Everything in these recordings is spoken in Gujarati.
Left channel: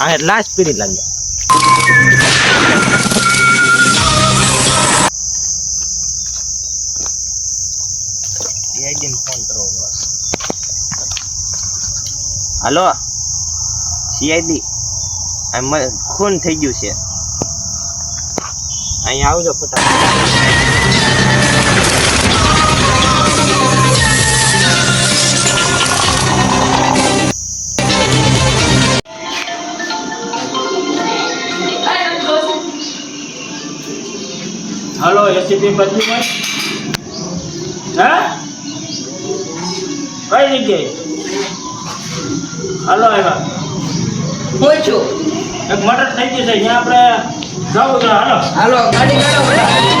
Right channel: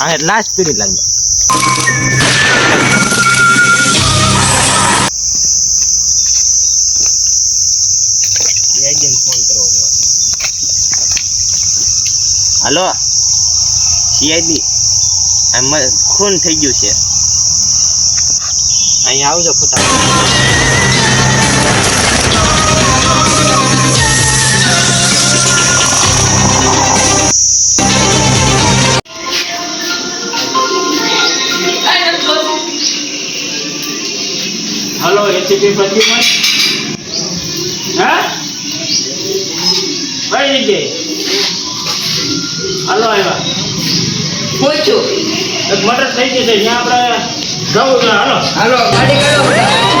આ લાસ્ટ પીડી લાગ્યો સીઆઈડી ફોન કરો હાલો સીઆઈડી આ ખૂન થઈ ગયું છે અહીંયા આવજો हेलो एसीपी बजी में हाँ कई जगह हेलो आया पूछो एक मर्डर થઈ ગઈ છે અહીંયા આપણે જવું છે હાલો હાલો ગાડી કાઢો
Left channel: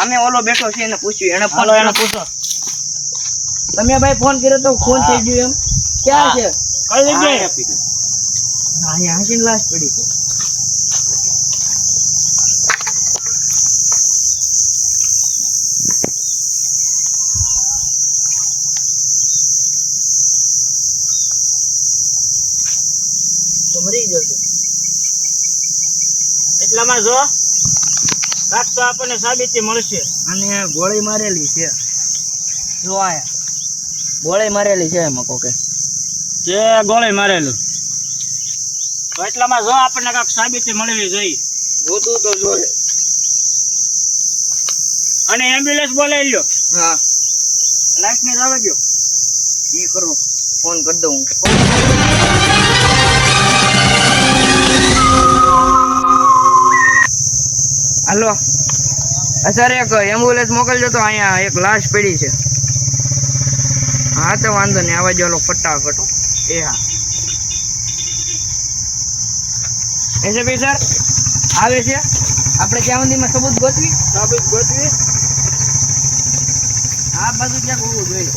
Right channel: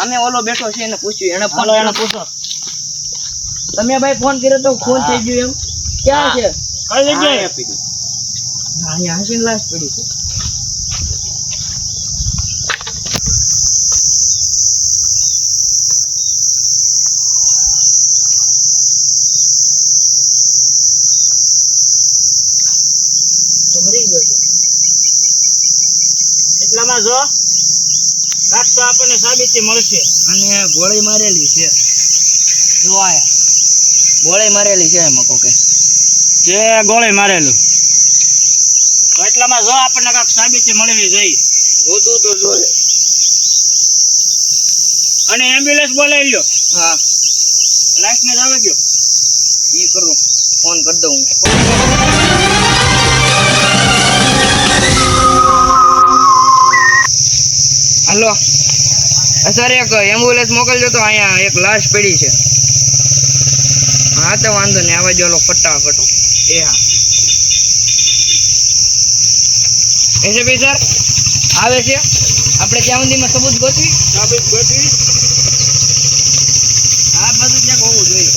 અમે ઓલો બેઠો છે એને પૂછ્યું એને ફોન એને પૂછો તમે ભાઈ ફોન કર્યો તો ફોન થઈ ગયો એમ ક્યાં છે કઈ જગ્યાએ અહીંયા હાસીન લાશ પડી છે તો મરી ગયો છે એટલામાં જો રાત તો આપણને સાબિતી મળશે અને ગોળી મારેલી છે જો આયા ગોળી મારેલી છે એમાં કોકે જે ગોળી મારેલું તો એટલામાં જો આપણને કાંઈક સાબિતી મળવી જોઈએ જોતું તો જોડે અને એમ્બ્યુલન્સ બોલાવી લ્યો હા લાઈફ ને આવે ગયો એ કરું ફોન કરી દઉં હાલો સર એક એમ્બ્યુલન્સ મોકલજો તો અહીંયા એક લાશ પડી છે હા તો વાંધો નહીં આવા જો ફટાફટ એ હા એસપી સર આવે છે આપણે ત્યાં સુધીમાં સબૂત ગોતવી સાબિત ગોતવી આ બધું ક્યાંક હોવું જોઈએ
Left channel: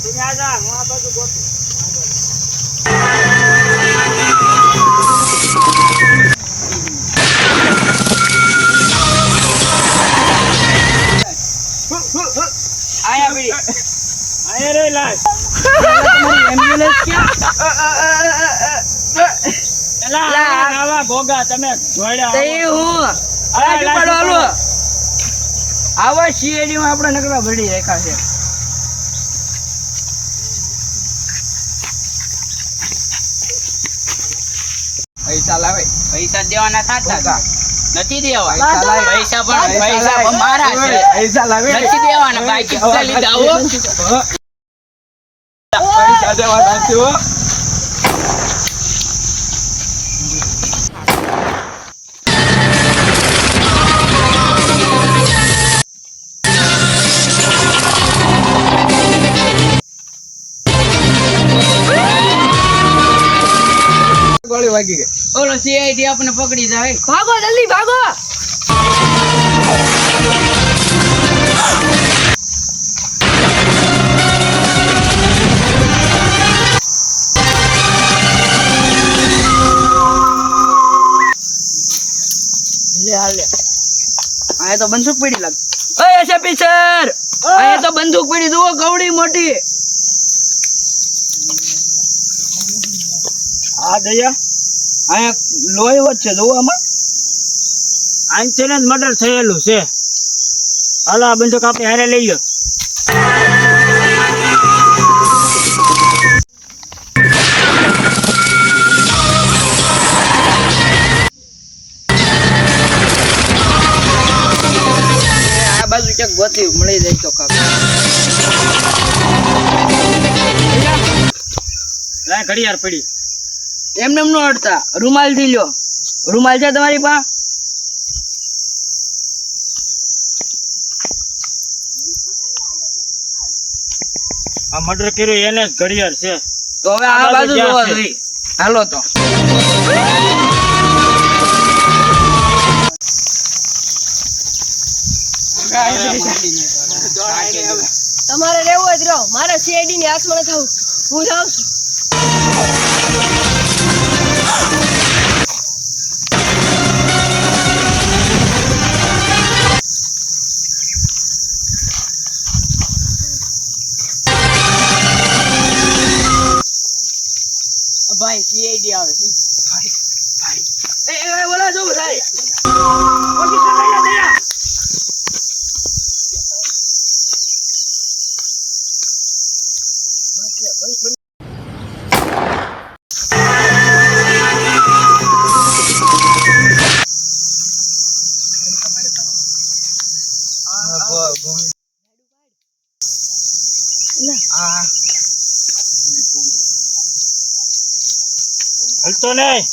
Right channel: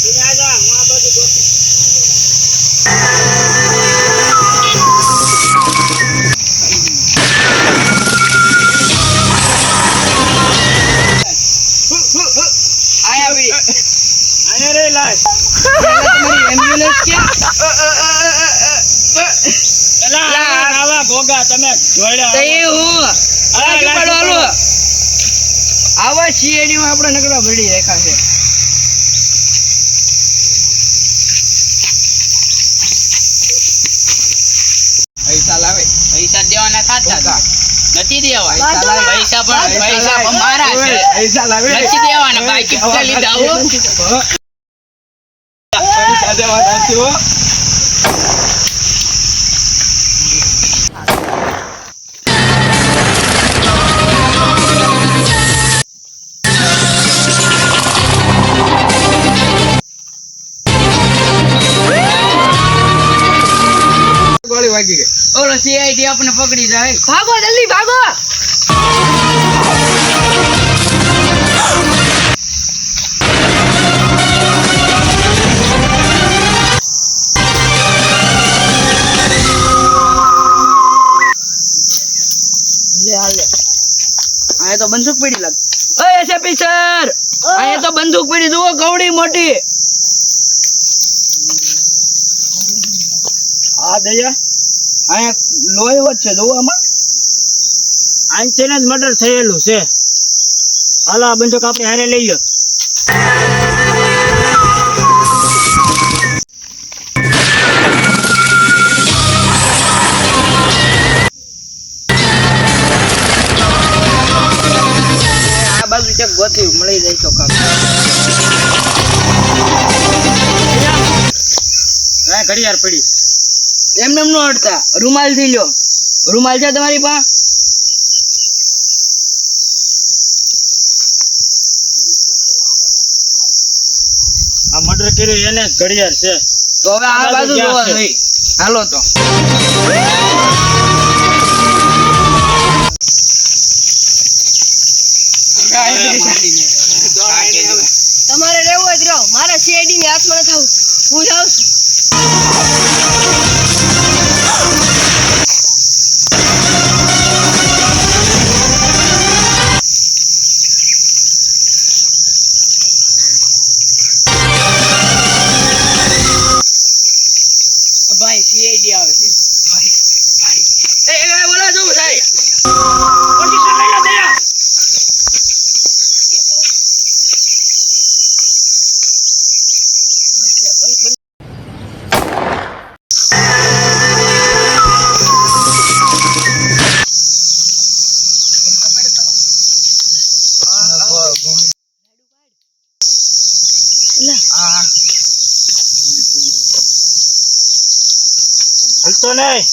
તું આ જા હું આ બધું ગોતું આયા પડી અહીંયા રે લાશ તમારી એમ્બ્યુલન્સ ક્યાં એલા આવા ભોગા તમે જોડ્યા તો એ હું રાજુ પાડો હાલો આવા સીઆઈડી માં આપણે નકરા ભરી રેખા છે પૈસા લાવે પૈસા દેવાના થાતા નથી દેવા પૈસા પૈસા મારા છે પૈસા લાવે નથી દેવાના બાકી પૈસા લીધા આવો પૈસા દેવાના છે હો ગોળી વાગી ગઈ ઓલો સીઆઈડી આપણને પકડી જાય ભાગો જલ્દી ભાગો લે હાલે આયા તો બંદૂક પડી લાગ ઓય એસપી સર આયા તો બંદૂક પડી જુઓ ગવડી મોટી હા દયા અહીંયા લોહી વચ્ચે છે જોવો આમાં આનથી જ મર્ડર થયેલું છે હાલો આ બંદૂક આપણે હારે લઈ લો બાજુ ક્યાંક ગોતી મળી જાય તો કામ ઘડિયાળ પડી એમને એમ નો હટતા, રૂમાલ થી લ્યો. રૂમાલ છે તમારી પાસે? આ મર્ડર કર્યું એને જ ઘડિયાળ છે. તો હવે આ બાજુ જોવા જોઈએ. હાલો તો. તમારે રહેવું હોય તો રહો. મારે સીઆઈડી ની હાથમાં ન થવું. હું જાઉં છું. ભાઈ સીઆઈડી આવે છે. એ બોલા જો ભાઈ. હલતો નહીં.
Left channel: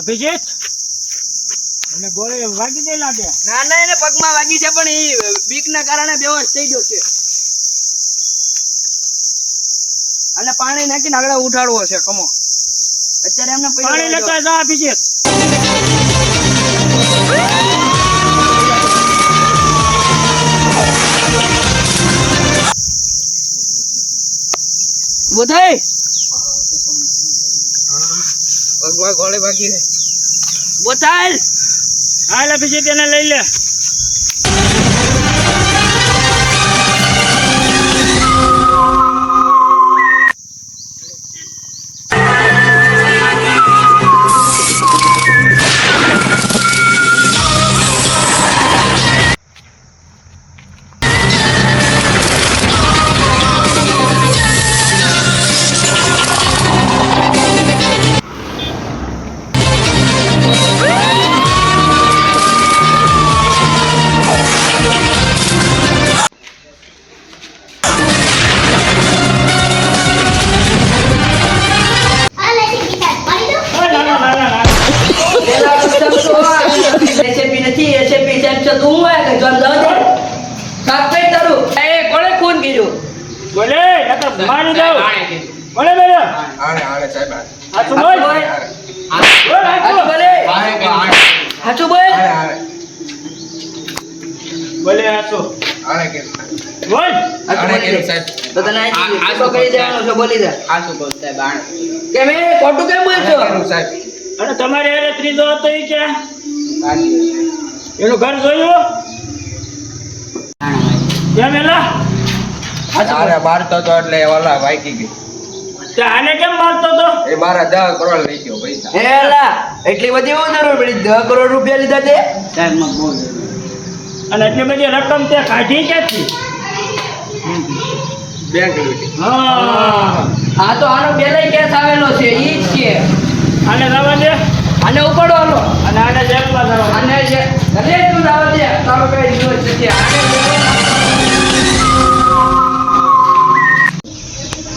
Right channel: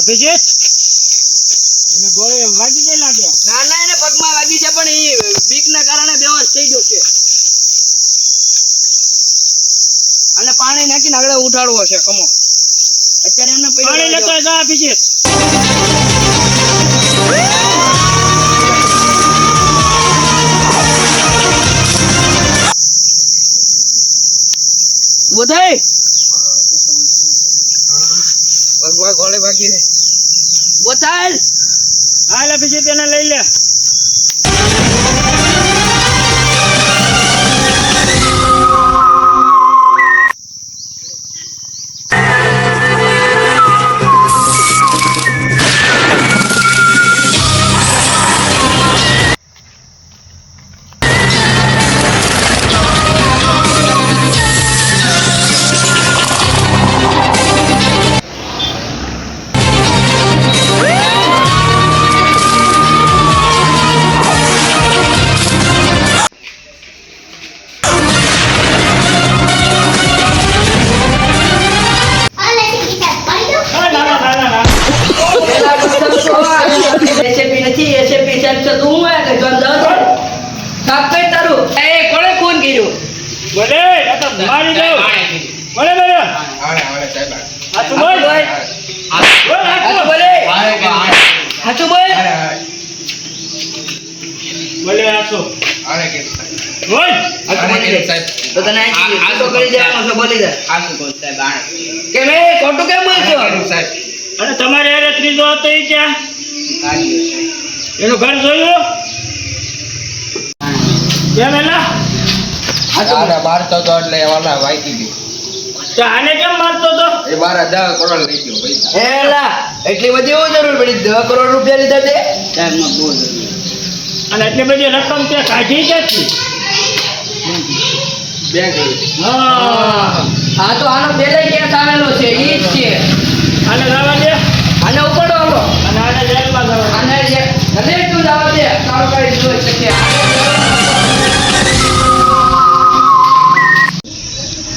અભિજીત એને ગોળી વાગી ગઈ લાગે. ના ના એને પગમાં વાગી છે પણ એ બીક ના કારણે બેહોશ થઈ ગયો છે. અને પાણી નાખીને આગળ ઉઠાડવો છે. કમો અત્યારે એમને પાણી લેતા જા અભિજીત. ઉભો થઈ. પગમાં ગોળી વાગી છે. ઉભો થાય. હાલ અભિજીત એને લઈ લે. એસએપી નથી. એસએપી સાહેબ છે તું હું કે જોન જાવ દે. કાપે તારું. એ કોણે ખૂન કર્યું? બોલે આ તો મારી દઉં. બોલે બોલે હાચું બોલ. બોલ હાચું બોલે. હાચું બોલ. બોલે હાચું બોલ. તો તને આ તો કરી દેવાનું છે. બોલી જા. હાચું કહું સાહેબ, આણે. કે મેં ખોટું કેમ બોલશો? અને તમારે એને ત્રીજો હતો એ ક્યાં? કાઢ્યો સાહેબ. એનું ઘર જોયું કેમ એલા? મારતો તો એટલે ઓલા વાગી ગયું. તો આને કેમ મારતો તો? એ મારા 10 કરોડ લઈ ગયો પૈસા. હેલા એટલી બધી એવું જરૂર પડી? 10 કરોડ રૂપિયા લીધા છે. સાહેબ માં બહુ જરૂર. અને એટલી બધી રકમ તે કાઢી ક્યાંથી? બેંક હા આ તો આનો બેલે કેસ આવેલો છે. ઈ જ છે. આને લાવવા દે. આને ઉપાડો હાલો. અને આને જેલમાં જવા દે. આને જે અરે તું જાવ દે. તારો કઈ જોઈ શકે.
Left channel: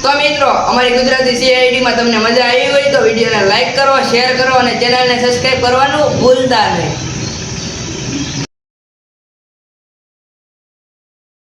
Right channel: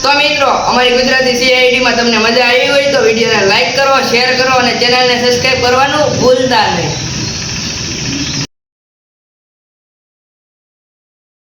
તો મિત્રો અમારી ગુજરાતી સીઆઈડી માં તમને મજા આવી હોય તો વિડીયોને લાઈક કરો, શેર કરો અને ચેનલને સબસ્ક્રાઇબ કરવાનું ભૂલતા નહીં.